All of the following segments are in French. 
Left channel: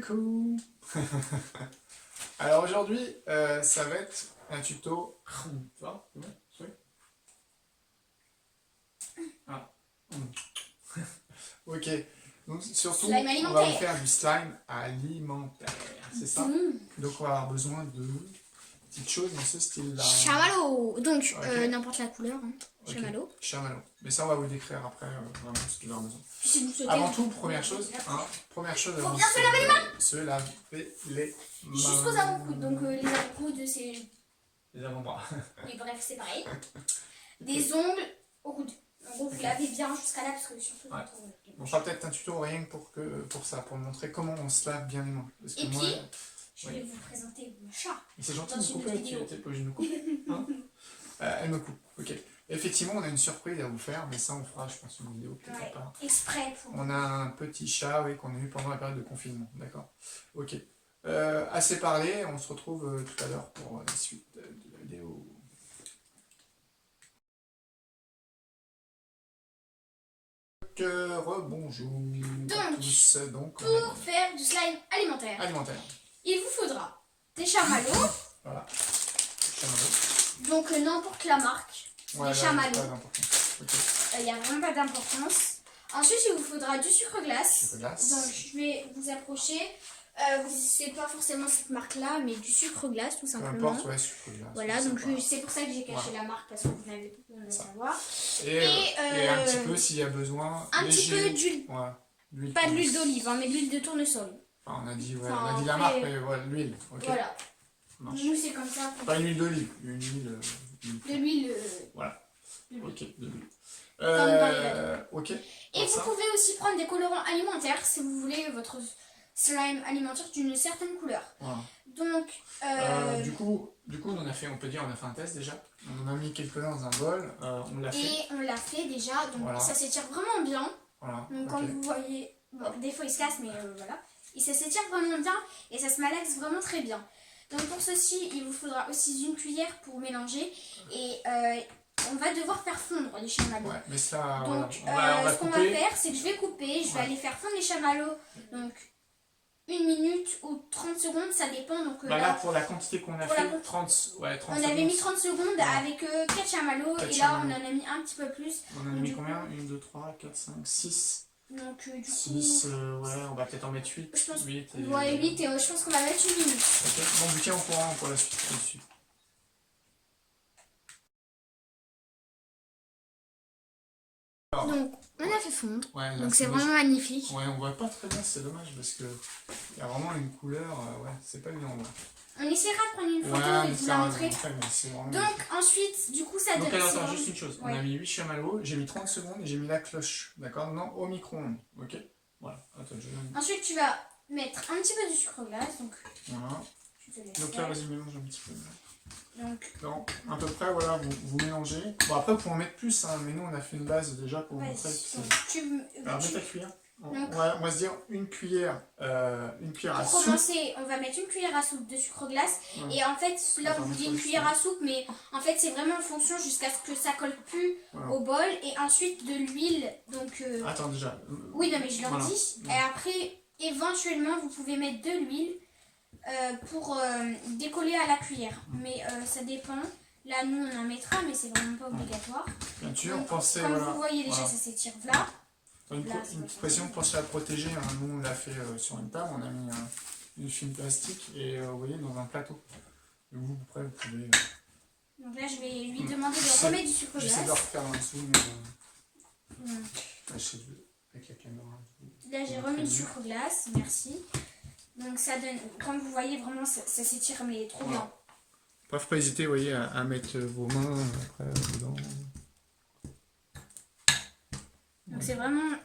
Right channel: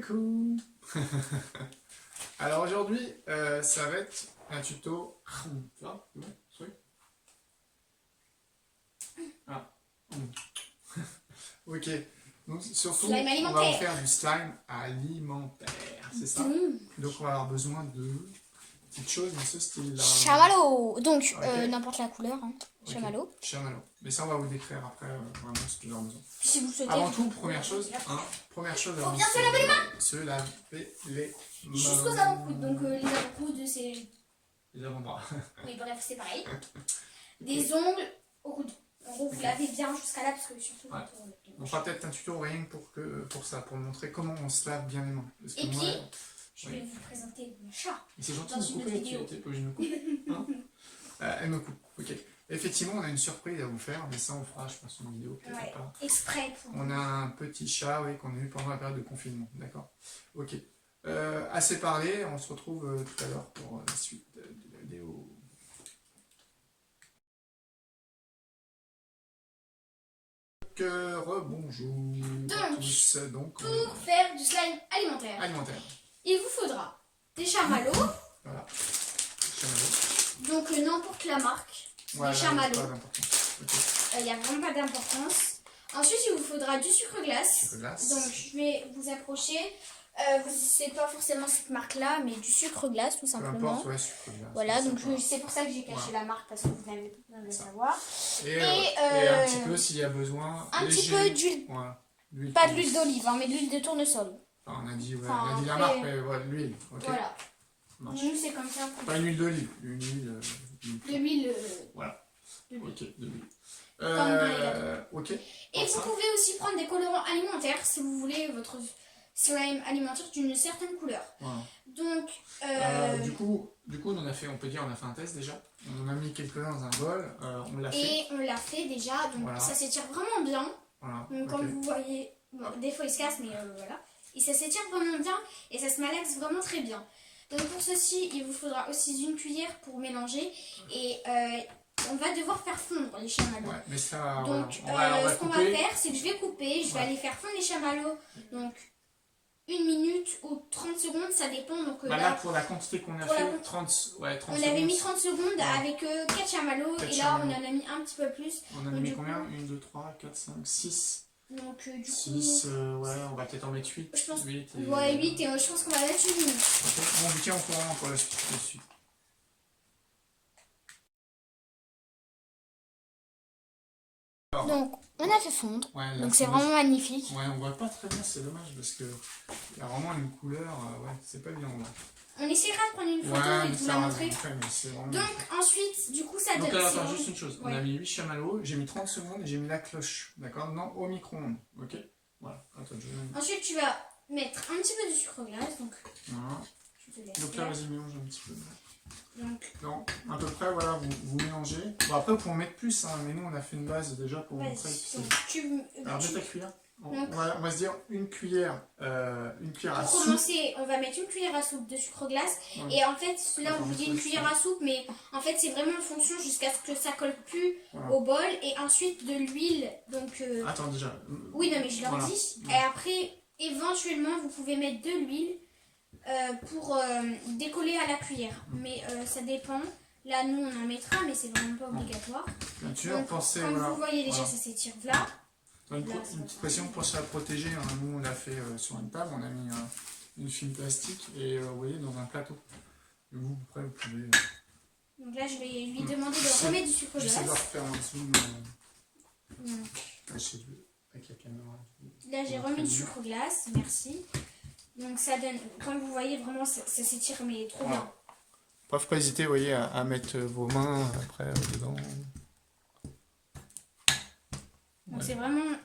Coucou. Alors aujourd'hui, ça va être un tuto. Tu vois, c'est bon, ah. Ok. Donc surtout, on va vous faire du slime alimentaire, c'est ça. Donc on va avoir besoin de petites choses dans ce style-là. Chamallow. Donc n'importe la couleur. Hein. Okay. Chamallow. Chamallow. Mais ça on va vous décrire après vraiment ce qu'il a besoin. Si vous souhaitez, avant tout, première chose, première chose. Faut bien se laver les mains. Se laver les mains. Jusqu'aux avant-coudes. Donc les avant-coudes, c'est. Les avant-bras. Oui, bref, c'est pareil. Des ongles au coude. En gros, vous lavez bien jusqu'à là parce que surtout. Ouais. On fera peut-être un tuto rien que pour ça, pour montrer comment on se lave bien les mains. Parce que et moi, puis, je vais vous présenter mon chat. C'est gentil de me couper, tu n'es pas obligé de me couper. Hein elle me coupe, ok. Effectivement, on a une surprise à vous faire, mais ça on fera, je pense, une vidéo peut-être pas. Exprès pour on a un petit chat, oui, qu'on a eu pendant la période de confinement, d'accord. Ok. Assez parlé, on se retrouve tout à l'heure pour la suite de la vidéo. Rebonjour à tous. Donc, pour faire du slime alimentaire, il vous faudra des chamallows. Voilà. Chamallows. Donc n'importe la marque. Ouais, des chamallows. Il n'y a vraiment pas d'importance. Ensuite, il vous faudra du sucre glace. Donc je vais vous approcher. C'est pas forcément cette marque-là, mais du sucre glace tout simplement. Peu importe, ouais, sucre glace. Voilà, donc c'est pour ça que j'ai caché la marque parce que vous n'avez pas besoin de le savoir. Et un petit peu s'il y a besoin. Un petit peu d'huile. Ouais, pas de l'huile d'olive, hein, mais de l'huile de tournesol. Enfin, on a dit, ouais, on a dit la marque, mais ouais, l'huile. Okay. Voilà. Nous, c'est comme ça. Pas une huile d'olive, une huile. De l'huile. Voilà. Ok, de l'huile. Comme dans les gâteaux. Ok. Et vous pouvez aussi prendre des colorants alimentaires si vous voulez votre slime alimentaire d'une certaine couleur. Voilà. Donc, du coup, on peut dire, on a fait un test déjà. On en a mis quelques-uns dans un bol. On l'a fait. Et on l'a fait déjà. Donc, voilà. Ça s'étire vraiment bien. Voilà. Donc, comme vous voyez, bon, des fois il se casse, mais voilà. Et ça s'étire vraiment bien et ça se malaxe vraiment très bien. Donc, pour ceci, il vous faudra aussi une cuillère pour mélanger. Et on va devoir faire fondre les chamallows. Ouais, mais ça, donc, voilà. on va ce qu'on va faire, c'est que je vais couper. Je vais aller faire fondre les chamallows. Donc, 1 minute ou 30 secondes, ça dépend. Donc, là, pour la quantité qu'on a fait, 30 secondes. On avait mis 30 secondes avec 4 chamallows. Et là, on en a mis un petit peu plus. On en a mis combien 1, 2, 3, 4, 5, 6. Donc, du coup. 6, ouais, on va peut-être en mettre 8. Je pense, 8 et... Ouais, 8 et je pense qu'on va mettre 1 minute. Ok, bon, on vous tient au courant pour la suite. Donc, on a fait fondre. Ouais, donc, c'est vraiment magnifique. Ouais, on voit pas très bien, c'est dommage parce que il y a vraiment une couleur. Ouais, c'est pas bien. On essaiera de prendre une photo et de vous la montrer. Donc, ensuite, du coup, ça donne. Donc, attends, juste une chose. On a mis 8 chamallows, j'ai mis 30 secondes et j'ai mis la cloche. D'accord? Non, au micro-ondes. Ok? Voilà. Attends, ensuite, tu vas mettre un petit peu de sucre glace. Donc, voilà. Donc là, vas-y, mélange un petit peu. Donc, non, à peu près, voilà, vous mélangez. Bon, après, vous pouvez en mettre plus, hein, mais nous, on a fait une base déjà pour vous montrer. Alors, mets ta cuillère. On va se dire une cuillère à soupe. Pour commencer, on va mettre une cuillère à soupe de sucre glace. Et en fait, là, on vous dit une cuillère à soupe, mais en fait, c'est vraiment en fonction jusqu'à ce que ça colle plus au bol. Et ensuite, de l'huile. Donc. Attends, déjà. Oui, non, mais je leur dis. Et après, éventuellement, vous pouvez mettre de l'huile. Pour décoller à la cuillère, mais ça dépend. Là, nous on en mettra, mais c'est vraiment pas obligatoire. Bien sûr, donc, pensez. Comme vous voyez, déjà ça s'étire là. Une petite pression, pensez à protéger. Hein. Nous on l'a fait sur une table, on a mis une film plastique et vous voyez dans un plateau. Et vous, après, vous pouvez. Donc là, je vais lui demander de remettre du sucre glace. J'essaie de leur faire un zoom. Avec la caméra. Là, j'ai remis du sucre glace, merci. Donc ça donne, comme vous voyez, vraiment ça s'étire mais trop bien. Bref, pas hésiter, vous voyez, à mettre vos mains après dedans. Donc c'est vraiment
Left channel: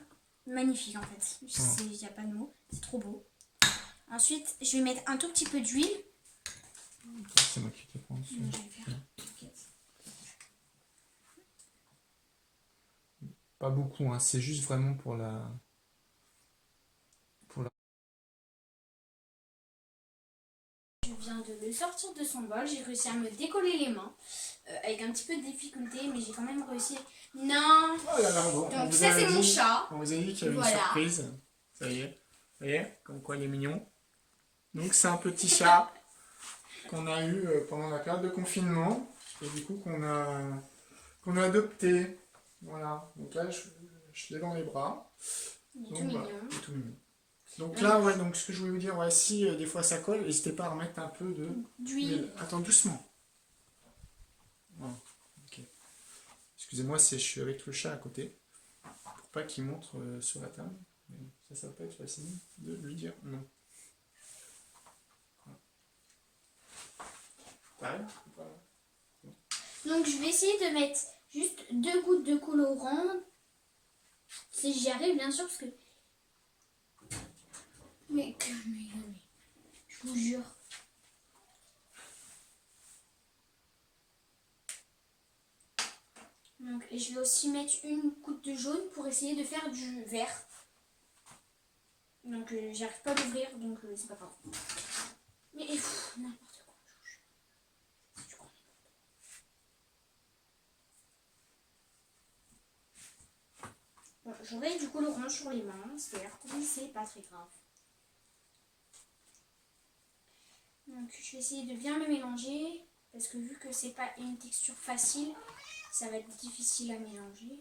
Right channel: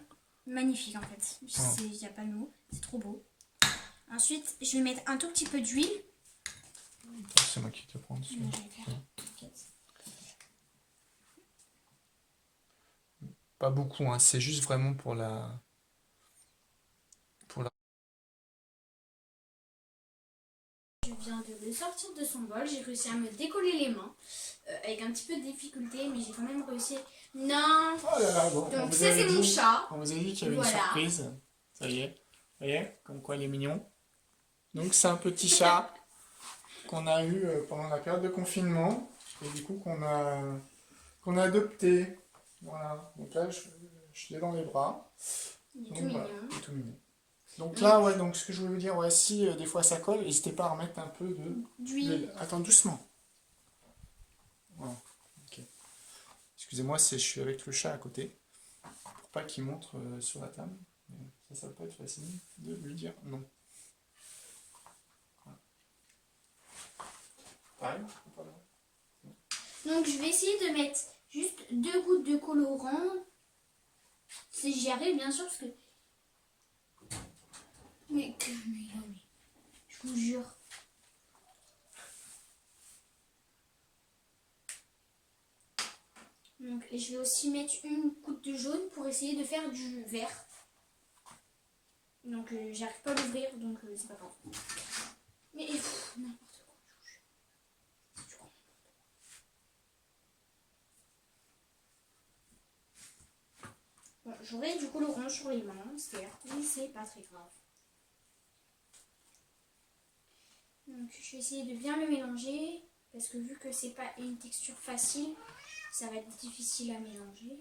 magnifique en fait. Il n'y a pas de mots, c'est trop beau. Ensuite, je vais mettre un tout petit peu d'huile. C'est moi qui te prends dessus. Pas beaucoup, hein, c'est juste vraiment pour la... Je viens de le sortir de son bol, j'ai réussi à me décoller les mains avec un petit peu de difficulté, mais j'ai quand même réussi. Non. Oh là là, bon. Donc ça c'est mon chat. On vous a dit qu'il y avait une surprise. Ça y est. Vous voyez, comme quoi il est mignon. Donc c'est un petit chat qu'on a eu pendant la période de confinement et du coup qu'on a adopté. Voilà, donc là je l'ai dans les bras. Il est Donc, tout voilà, mignon. il est tout mignon. Donc là, ouais, donc ce que je voulais vous dire, ouais, si des fois ça colle, n'hésitez pas à remettre un peu d'huile. Attends, doucement. Voilà, ok. Excusez-moi si je suis avec le chat à côté, pour pas qu'il montre sur la table. Mais ça va pas être facile de lui dire non. Voilà. Donc je vais essayer de mettre juste 2 gouttes de colorant. Si j'y arrive, bien sûr, parce que... Mais je vous jure. Donc, et je vais aussi mettre une goutte de jaune pour essayer de faire du vert. Donc j'arrive pas à l'ouvrir, donc c'est pas grave. Mais n'importe quoi, je crois. Bon, j'aurai du colorant sur les mains, certes, mais c'est pas très grave. Donc je vais essayer de bien le mélanger, parce que vu que c'est pas une texture facile, ça va être difficile à mélanger.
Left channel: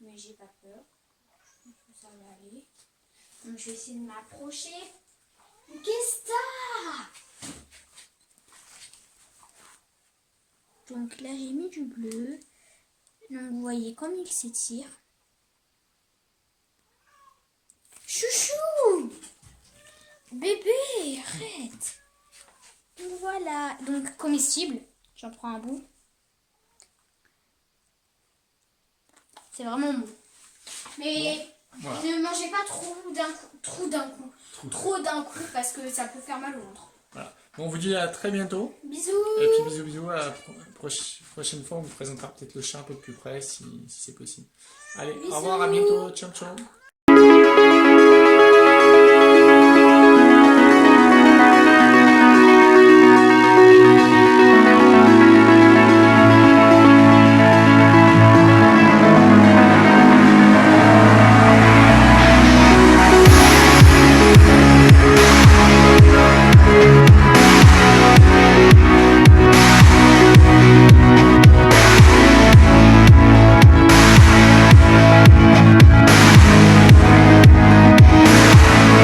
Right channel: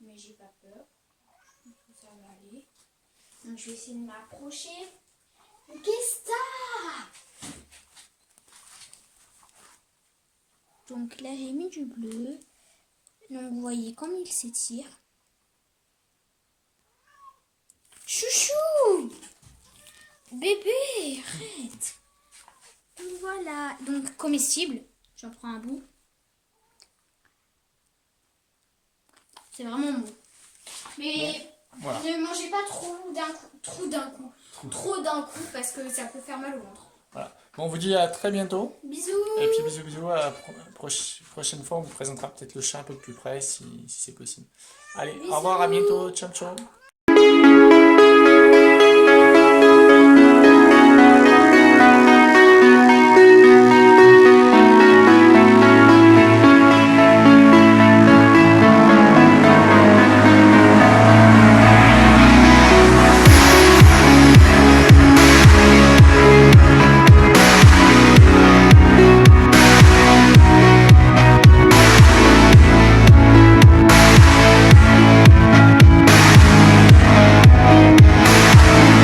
Mais j'ai pas peur, je pense que ça va aller. Donc je vais essayer de m'approcher. Qu'est-ce que ça? Donc là j'ai mis du bleu. Donc vous voyez comme il s'étire. Chouchou! Bébé, arrête! Donc voilà, donc comestible. J'en prends un bout. C'est vraiment bon. Mais bon, voilà. Ne mangez pas trop d'un coup, parce que ça peut faire mal au ventre. Voilà. Bon, on vous dit à très bientôt. Bisous. Et puis bisous, à la prochaine fois on vous présentera peut-être le chat un peu plus près si c'est possible. Allez, bisous. Au revoir, à bientôt, ciao ciao.